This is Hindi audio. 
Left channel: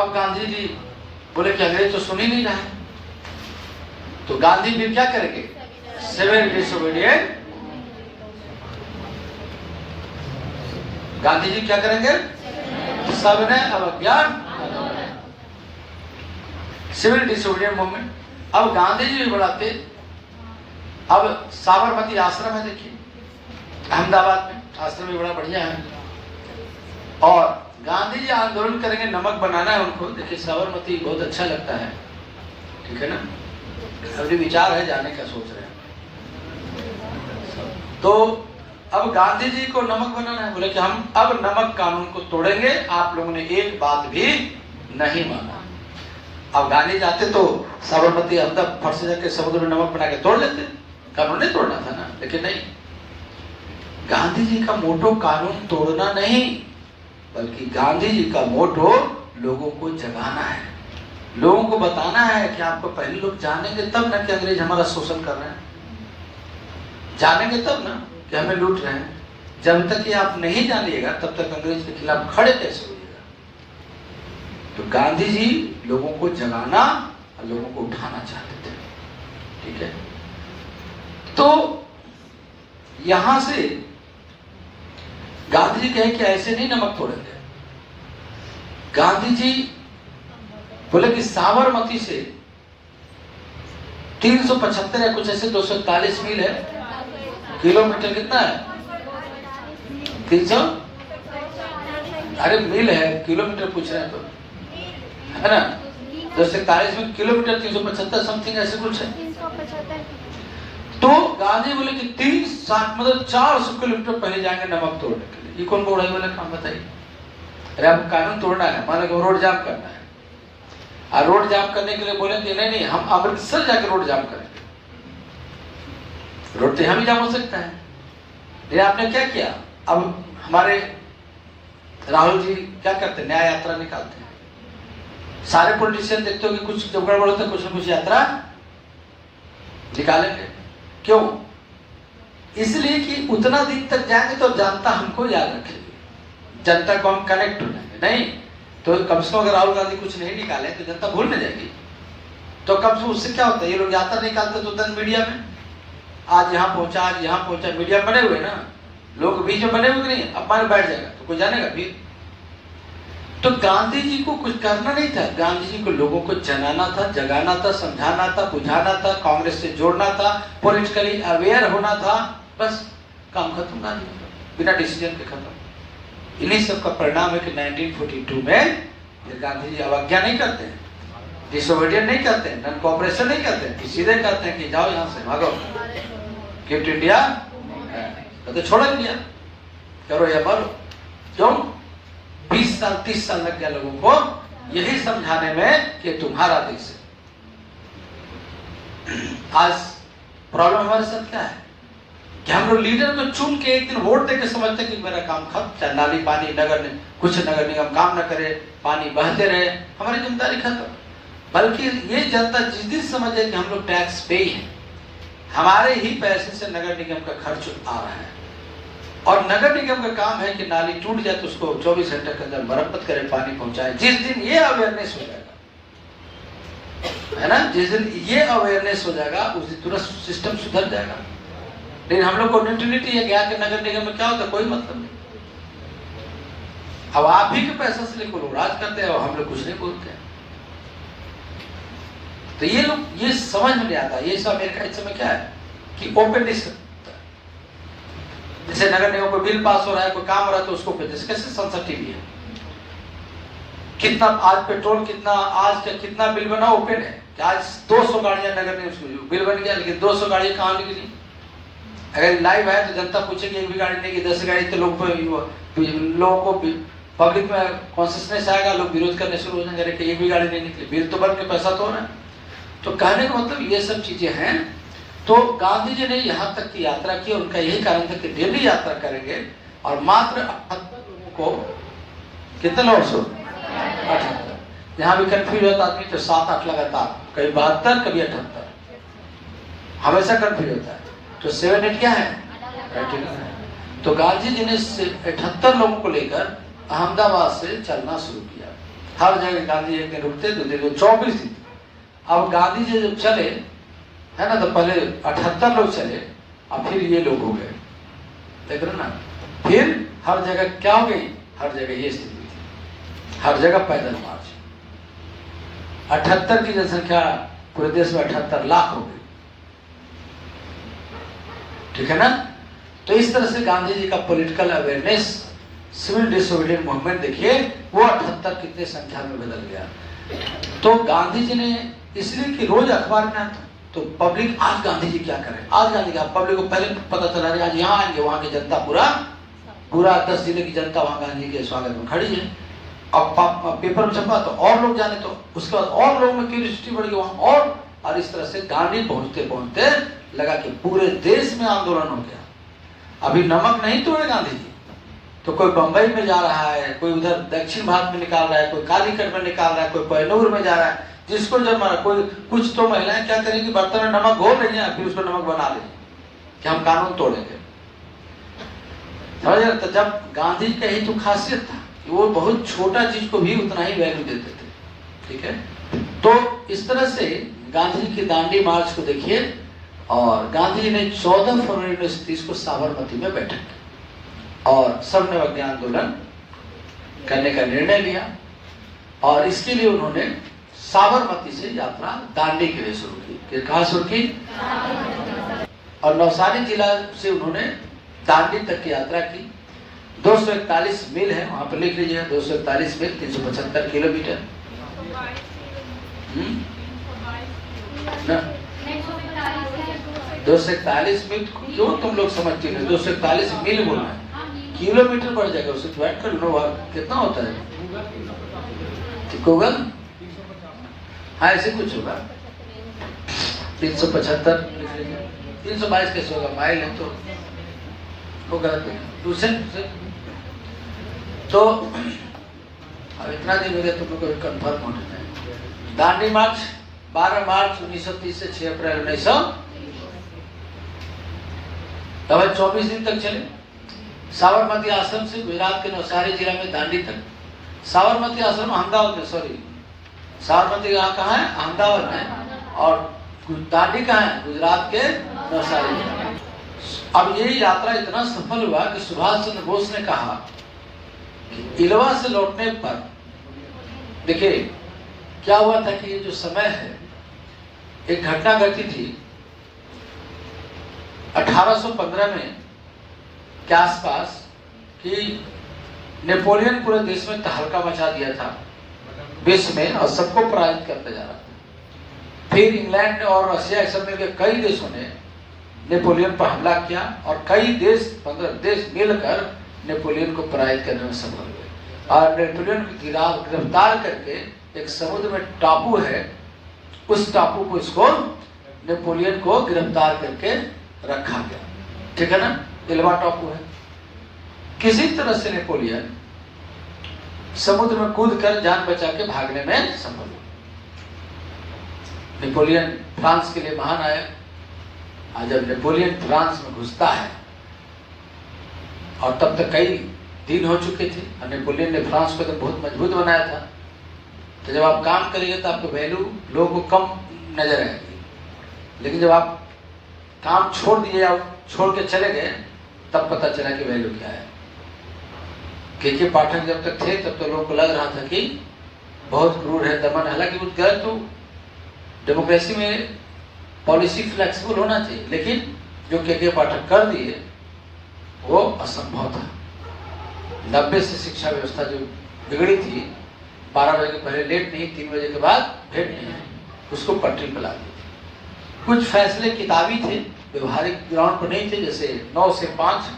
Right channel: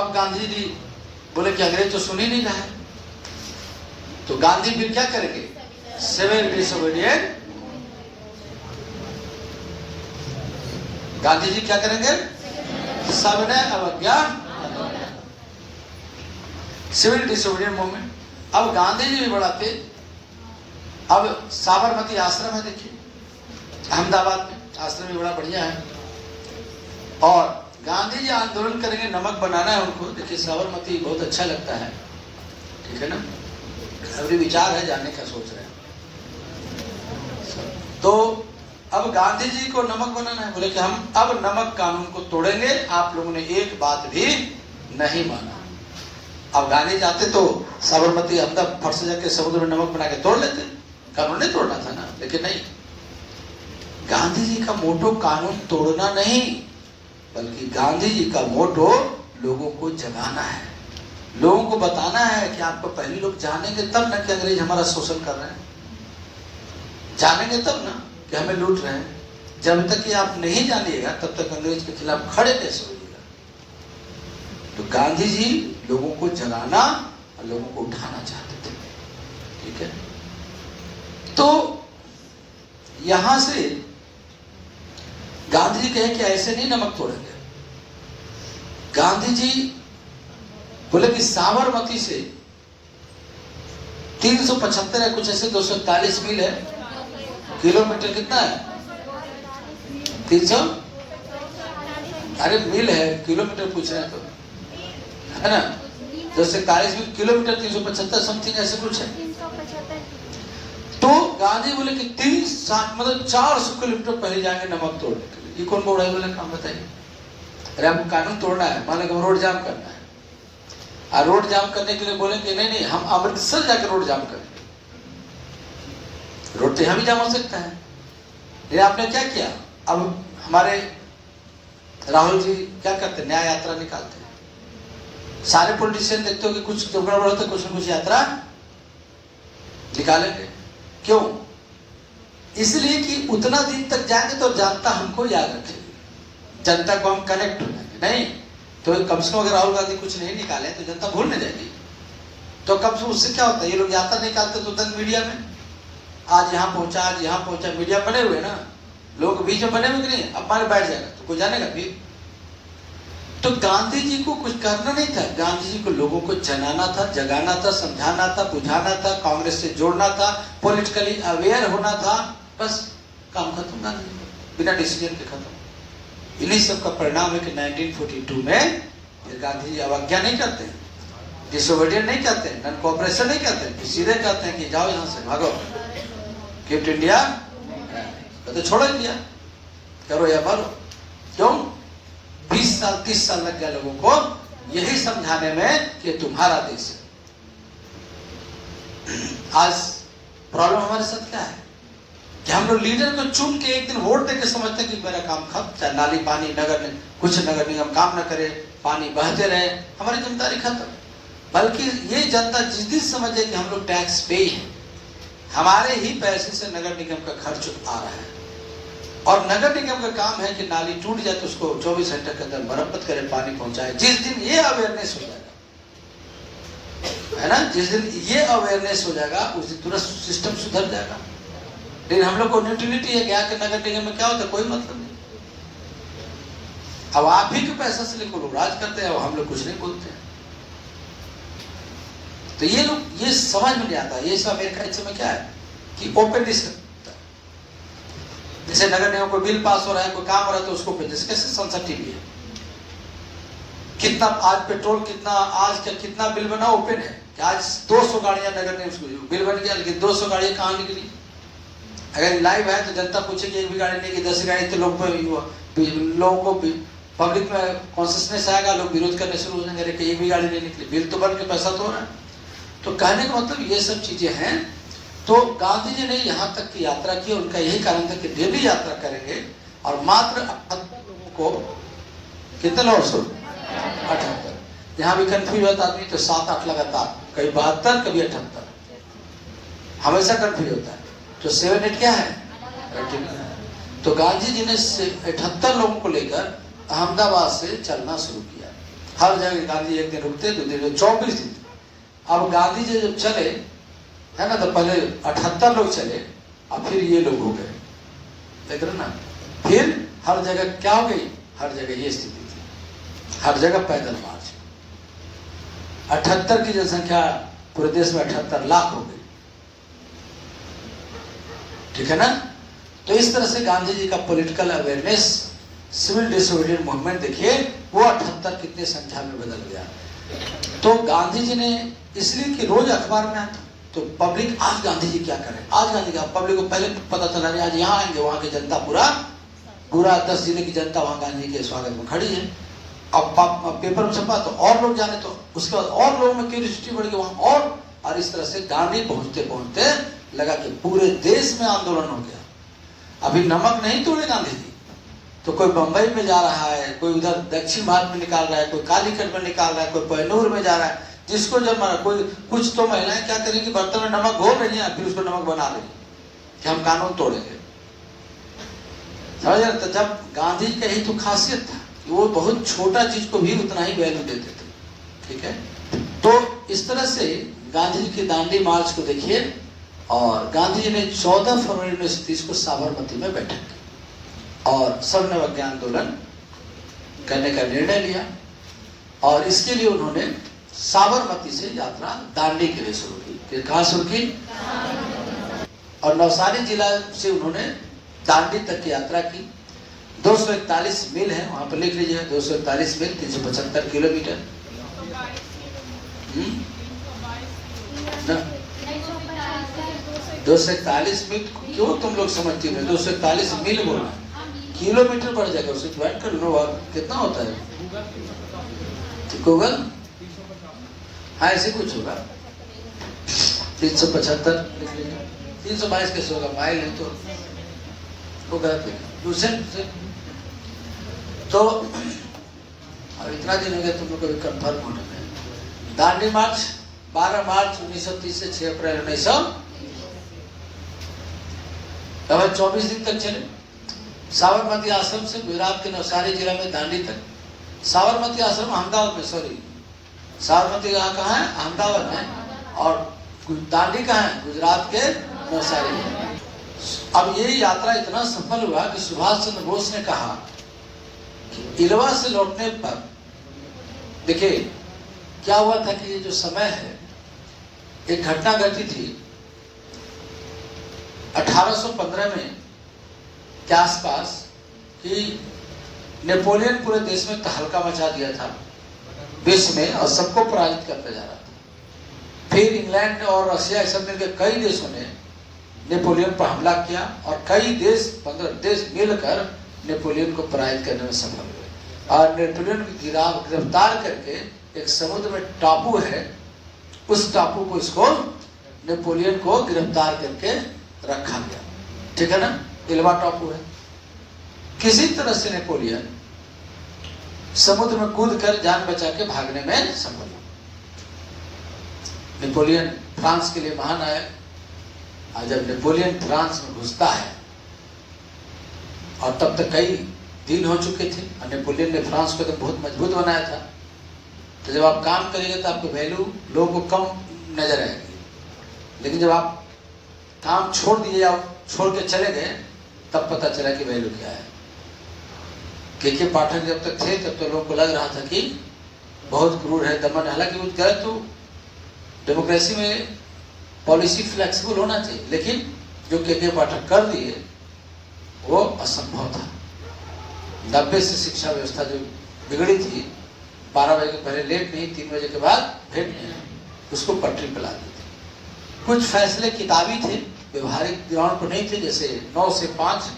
अब गांधी जी बोले कि अंग्रेज तो सुन ही नहीं रहा है, तो गांधी फिर क्या करेंगे? Civil disobedient. गांधी जी क्या करेंगे? सबने अवज्ञा, सिविल डिसोबीडिएंट मूवमेंट। अब गांधी जी भी बढ़ाते। अब साबरमती आश्रम है, देखिए अहमदाबाद में, आश्रम भी बड़ा बढ़िया है। और गांधी जी आंदोलन करेंगे, नमक बनाना है उनको। देखिए साबरमती बहुत अच्छा लगता है, ठीक है ना। अभी विचार है जाने का, सोच रहे हैं। तो अब गांधी जी को नमक बनाना है, बोले कि हम अब नमक कानून को तोड़ेंगे, आप लोगों ने एक बात भी नहीं माना। अब गांधी जाते तो साबरमती अहमदाबाद फट से जाके समुद्र में नमक बना के तोड़ लेते, कानून नहीं तोड़ना था ना। लेकिन नहीं, गांधी जी का मोटो कानून तोड़ना नहीं, बल्कि गांधी जी का मोटो लोगों को जगाना है, लोगों को बताना है कि आपको पहले लोग जानेंगे तब ना कि अंग्रेज हमारा शोषण कर रहे हैं, जानेंगे तब ना कि हमें लूट रहे हैं। जब तक कि आप नहीं जानिएगा तब तक अंग्रेज के खिलाफ खड़े कैसे होइएगा। तो गांधी जी लोगों को जगाना और लोगों को उठाना चाहते थे, ठीक है। तो यहां से गांधी जी कहे कि ऐसे नहीं नमक तोड़ेंगे। गांधी जी बोले कि साबरमती से 375 या कुछ ऐसे 241 मील है, किलोमीटर कितना है? 300, अरे मील है, किलोमीटर पूछ रहे हैं तो, है ना। 241 मील किलोमीटर 375 समथिंग ऐसे कुछ है। तो गांधी बोले कि 360 मतलब 400 किलोमीटर पहले जाएंगे नमक तोड़ने के लिए। ये कौन बोल रहा है? बोला काम बताइए। अरे आपको कानून तोड़ना है, मान लो रोड जाम करना है, और रोड जाम करने के लिए बोलेंगे नहीं नहीं हम अमृतसर जाकर रोड जाम करेंगे। रोड तो हम ही जाम हो सकता है। ये आपने क्या किया? अब हमारे राहुल जी क्या करते हैं? न्याय यात्रा निकालते हैं। सारे पॉलिटिशियन देखते हो कि कुछ जो गड़बड़ होता है कुछ न कुछ यात्रा निकालेंगे। क्यों? इसलिए कि उतना दिन तक जाएंगे तो जनता हमको याद रखेगी, जनता को हम कनेक्ट हो जाएंगे। नहीं तो कम से कम अगर राहुल गांधी कुछ नहीं निकाले तो जनता भूल नहीं जाएगी। तो कम से कम उससे क्या होता है? ये लोग यात्रा निकालते तो तुरंत मीडिया में आज यहाँ पहुंचा, आज यहाँ पहुंचा, मीडिया बने हुए ना, लोग बीच में बने हुए कि नहीं, अब मान बैठ जाएगा तो कोई जानेगा फिर। तो गांधी जी को कुछ करना नहीं था, गांधी जी को लोगों को जगाना था, जगाना था, समझाना था, बुझाना था, कांग्रेस से जोड़ना था, पॉलिटिकली अवेयर होना था। बस काम खत्म, गांधी बिना डिसीजन के खत्म। इन्हीं सब का परिणाम है कि 1942 में गांधी जी अवज्ञा नहीं करते हैं, डिसोबीडिएंट नहीं करते हैं, नॉन कोऑपरेशन नहीं करते हैं, सीधे कहते हैं कि जाओ यहाँ से, भागो, क्विट इंडिया, तो छोड़ो इंडिया, करो या मरो। क्यों? 20 साल 30 साल लग गया लोगों को यही समझाने में कि तुम्हारा देश है। आज प्रॉब्लम हमारे साथ क्या है कि हम लोग लीडर को चुन के एक दिन वोट देके समझते कि मेरा काम खत्म, चाहे नाली पानी नगर निगम काम न करे, पानी बहते रहे, हमारी जिम्मेदारी खत्म। बल्कि ये जनता जिस दिन समझे कि हम लोग टैक्स पे हैं, हमारे ही पैसे से नगर निगम का खर्च आ रहा है, और नगर निगम का काम है कि नाली टूट जाए तो उसको 24 घंटे के अंदर मरम्मत करे, पानी पहुंचाए। जिस दिन ये अवेयरनेस हो जाएगा, है ना, जिस दिन ये अवेयरनेस हो जाएगा उस दिन तुरंत सिस्टम सुधर जाएगा। लेकिन हम लोग को न्यूट्रलिटी है, क्या कि नगर निगम में क्या होता है, कोई मतलब नहीं। अब आप ही के पैसा से लेकर लोग राज करते हैं और हम लोग कुछ नहीं बोलते हैं। तो ये लोग ये समझ में नहीं आता। ये सब अमेरिका इस समय क्या है कि ओपन डिस्कशन, जैसे नगर निगम को बिल पास हो रहा है, कोई काम हो रहा है तो उसको कैसे संसद टीवी है, कितना आज पेट्रोल, कितना आज का कितना बिल बना, ओपन है कि आज 200 गाड़ियां नगर निगम बिल बन गया, लेकिन 200 गाड़ियां कहाँ निकली? अगर लाइव है तो जनता पूछेगी एक भी गाड़ी नहीं की 10 गाड़ी, तो लोगों को पब्लिक में कॉन्शियसनेस आएगा, लोग विरोध करने शुरू हो जाएंगे कि एक भी गाड़ी नहीं निकली, बिल तो बन के पैसा तो हो रहा है। तो कहने का मतलब ये सब चीजें हैं। तो गांधी जी ने यहाँ तक की यात्रा की, उनका यही कारण था कि डेली यात्रा करेंगे और मात्र 78 लोगों को, कितने लोगों से 78, यहाँ भी कंफ्यूज होता आदमी तो 7-8 लगातार, कभी 72 कभी 78, हमेशा कंफ्यूज होता है। तो 7-8 क्या है? तो गांधी जी ने 78 लोगों को लेकर अहमदाबाद से चलना शुरू किया। हर जगह गांधी एक दिन रुकते, 2 दिन, 24 दिन। अब गांधी जी जब चले है ना, तो पहले 78 लोग चले, और फिर ये लोग हो गए, देख रहे ना। फिर हर जगह क्या हो गई, हर जगह ये स्थिति थी, हर जगह पैदल मार्च। 78 की जनसंख्या पूरे देश में 78 लाख हो गई, ठीक है ना। तो इस तरह से गांधी जी का political awareness, civil disobedient movement देखिए वो 78 कितने संख्या में बदल गया। तो गांधी जी ने इसलिए कि रोज अखबार में आता तो पब्लिक आज गांधी जी क्या करें, आज गांधी का पब्लिक को पहले पता चला रही आज यहाँ आएंगे, वहां की जनता पूरा 10 जिले की जनता वहां गांधी के स्वागत में खड़ी है। अब पेपर में छपा तो और लोग जाने, तो उसके बाद और लोगों में क्यूरियोसिटी बढ़ गई वहां, और इस तरह से गांधी पहुंचते पहुंचते लगा कि पूरे देश में आंदोलन हो गया। अभी नमक नहीं तोड़े गांधी जी, तो कोई बंबई में जा रहा है, कोई उधर दक्षिण भारत में निकाल रहा है, कोई कालीकट में निकाल रहा है, कोई पहनूर में जा रहा है, जिसको जब मारा। कोई कुछ तो महिलाएं क्या करेंगी, बर्तन में नमक घोल रही हैं, फिर उसको नमक बना लेंगे कि हम कानून तोड़ेंगे, समझ रहे। तो जब गांधी जी का ही तो खासियत था कि वो बहुत छोटा चीज को भी उतना ही वैल्यू देते थे, ठीक है। तो इस तरह से गांधी जी के दांडी मार्च को देखिए, और गांधी जी ने 14 फरवरी 1930 को साबरमती में बैठक की और सबने अज्ञान आंदोलन करने का निर्णय लिया, और इसके लिए उन्होंने साबरमती से यात्रा दांडी के लिए शुरू की। कहाँ शुरू की? और नवसारी जिला से उन्होंने दांडी तक की यात्रा की। 241 मील है, वहां पर लिख लीजिए, 241 मील 375 किलोमीटर। 241 मील क्यों तुम लोग समझते हो, 241 मील बोलना है, किलोमीटर बढ़ जाएगा, उसे डिवाइड कर लो, कितना होता है गूगल, हाँ ऐसे कुछ होगा। 375 322 कैसे होगा, माइल है तो वो गलत है। दूसरे तो अब इतना दिन हो गया तुम लोग को कंफर्म होने में। दांडी मार्च 12 मार्च 1930 से 6 अप्रैल 1900, तब 24 दिन तक चले। साबरमती आश्रम से गुजरात के नवसारी जिला में दांडी तक। साबरमती आश्रम अहमदाबाद में, सॉरी साबरमती कहाँ है, अहमदाबाद में, और दांडी कहाँ है, गुजरात के नवसारी में। अब ये यात्रा इतना सफल हुआ कि सुभाष चंद्र बोस ने कहा कि इलवा से लौटने पर, देखिए क्या हुआ था कि ये जो समय है, एक घटना घटी थी 1815 में के आसपास कि नेपोलियन पूरे देश में तहलका मचा दिया था विश्व में, और सबको पराजित करते जा रहा था। फिर इंग्लैंड और रशिया सब मिलकर कई देशों ने नेपोलियन पर हमला किया, और कई देश 15 देश मिलकर नेपोलियन को पराजित करने में सफल हुए, और नेपोलियन को गिरफ्तार करके एक समुद्र में टापू है, उस टापू को इसको नेपोलियन को गिरफ्तार करके रखा गया, ठीक है ना, इल्वा टापू है। किसी तरह से नेपोलियन समुद्र में कूदकर जान बचा के भागने में सफल हुआ। नेपोलियन फ्रांस के लिए महान आया, और जब नेपोलियन फ्रांस में घुसता है, और तब तक कई दिन हो चुके थे, और नेपोलियन ने फ्रांस को तो बहुत मजबूत बनाया था, तो जब आप काम करेंगे तो आपको वैल्यू लोगों को कम नजर आएगी, लेकिन जब आप काम छोड़ दिए या छोड़ के चले गए, तब पता चला कि वैल्यू क्या है। के पाठक जब तक थे तब तो लोगों को लग रहा था कि बहुत क्रूर है, दमन, हालांकि वो गलत, तो डेमोक्रेसी में पॉलिसी फ्लेक्सिबल होना चाहिए, लेकिन जो के पाठक कर दिए वो असंभव था। 90 से शिक्षा व्यवस्था जो बिगड़ी थी, 12 बजे के पहले लेट नहीं, 3 बजे के बाद भेंट नहीं, उसको पटरी पर ला दी थी। कुछ फैसले किताबी थे, व्यवहारिक ग्राउंड पर नहीं थे, जैसे 9 से 5